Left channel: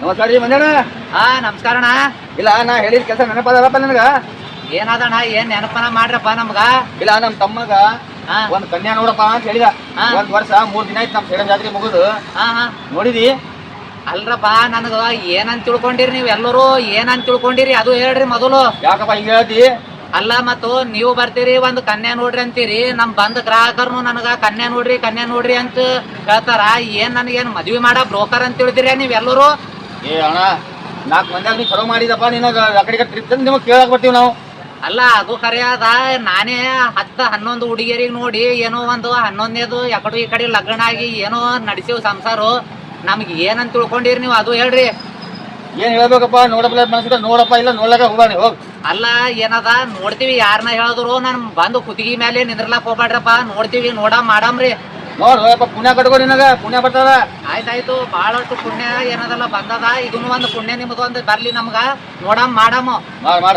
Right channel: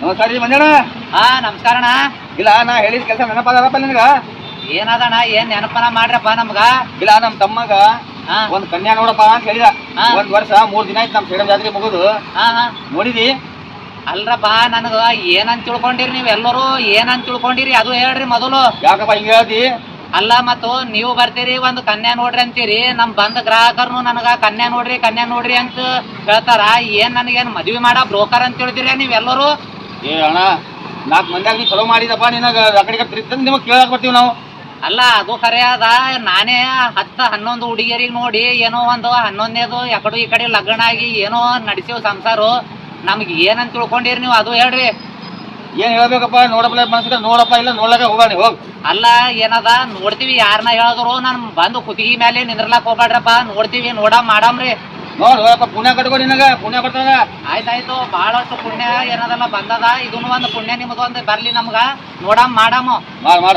ನಮಸ್ಕಾರ ರೀ ಮಂಜಣ್ಣ. ಹಾ ನಮಸ್ಕಾರಣ್ಣ. ಇಲ್ಲ ನಾ ಹೇಳಿದ ಕೆಲಸ ನೆನಪಾದಪ್ಪ ನನಗ. ಏನದಣ್ಣ ಏನ್ ನೆನಪನ ಮಾಡ್ರಪ್ಪ ನಮ್ಗ. ಇಲ್ಲ ನಮ್ ತಮ್ಮಗ ಒಂದ್ ಕನ್ಯಾ ನೋಡಪ್ಪ ಅಂತ ಹೇಳಿದ. ಒಂದ್ ವರ್ಷ 3 ದಿನ ಆಯ್ತು ನಮ್ ಸೇಡಂ ಜಾತ್ರೆ ಮುಗುದು. ನೋಡಿದಿ? ಅಲ್ರಪ್ಪ ನನಗ ಏನಂತ ತಿಳ್ಕೊಂಡಿರಿ ನೀವ್ ಎಲ್ಲರೂ ಏನಂತ ತಿಳ್ಕೊಂಡಿರಿ ಅದು ಹೇಳ್ರಿ ಮೊದಲು. ಯಾಕಪ್ಪ ಹಿಂಗ ಹೇಳ್ತಿ? ಅಲ್ಲ ಮತ್ತು ನೀವು ಬರ್ತೀರಿ ಒಂದ್ ಕನ್ಯಾ ನೋಡ್ರಿ ಅಂತೀರಿ, ನಮ್ ಬಂದ ಗ್ರಾಹಕರ್ನು ನನಗ ಕನ್ಯಾ ನೋಡ್ರಿ ಅಂತ ಹೇಳ್ತಾರ. ಏನ್ ನನಗೇನ್ ಮದ್ವಿ ಮಾಡ ಬ್ರೋಕರ್ ಅಂತ ತಿಳಿದಿರಿ ನೀವೆಲ್ಲರೂ? ಏ ಅಣ್ಣ 4 ಮಂದಿಯಾಗ ನೀ ಚಲೋ ಮಾಡಿದಪ್ಪ. ನಿನಗ ಆ ಕಡೆಗೆ ಟ್ರಿಪ್ ತಂದು ನಿಮಗ್ ಕೇಳಕ್ ಬರ್ತೀವಿ ನಾವು. ಅಲ್ಲ ಅದು ಖರೆ ಅದ. ನಾನೇ 10-11 ಹುಡುಗಿಯರಿಗೆ ನೋಡಿ ಏನೋ ಒಂದು 11ನೇದು ಎಕಡು ಈ ಕಡೆ ಲಗ್ನ ಆಗಿ ಏನೋ ನಡೆಸಿವ್ ಸಂಸಾರ. ನಮ್ಗೆ ಏನಂತ ತಿಳ್ಕೊಂಡಿರಿ ನೀವು ಅದು ಹೇಳ್ರಿ. ಏನ್ ಹೇಳ್ಬೇಕಪ್ಪ? ನೋಡಪ್ಪ ಮನಸ್ಸಿದ ನೋಡಪ್ಪ, ಇಲ್ಲ ನೋಡ್ಲಾಕ ಹೋಗ್ಬೇಡಿ ಹೋಗ್. ಅಲ್ಲ ಏನದ ನೋಡ್ತೀವಿ, ಯಾರನ್ನ ಹೇಳಿದ್ರು ನನ್ ಬಂದು ಕುತ್ತಿಗೆ ಮೇಲೆ ನಿಂದ್ರಲಾಕ್ ಹೋಗ್ಬೇಡ್ರಪ್ಪ. ನೋಡ್ತೀವಿ, ಮಾಡಮ್ರಿ. ನೋಡ್ರಪ್ಪ ಪುಣ್ಯ ಕಟ್ಕೋ, ನಿನಗ ಪುಣ್ಯ ಬರ್ತಾರ. ಆಯ್ತಾಯ್ತು, ಬಹಳಷ್ಟು ಪುಣ್ಯ ಏನದಲ್ಲ ಬಂದದ. ಇದನ್ನು ಒಂದು ಪುಣ್ಯ ನಿಮ್ದು ಒಂದು ಬರ್ಲಿ ನಮ್ಗ. ಮಾಡಮ್ ಮಾಡ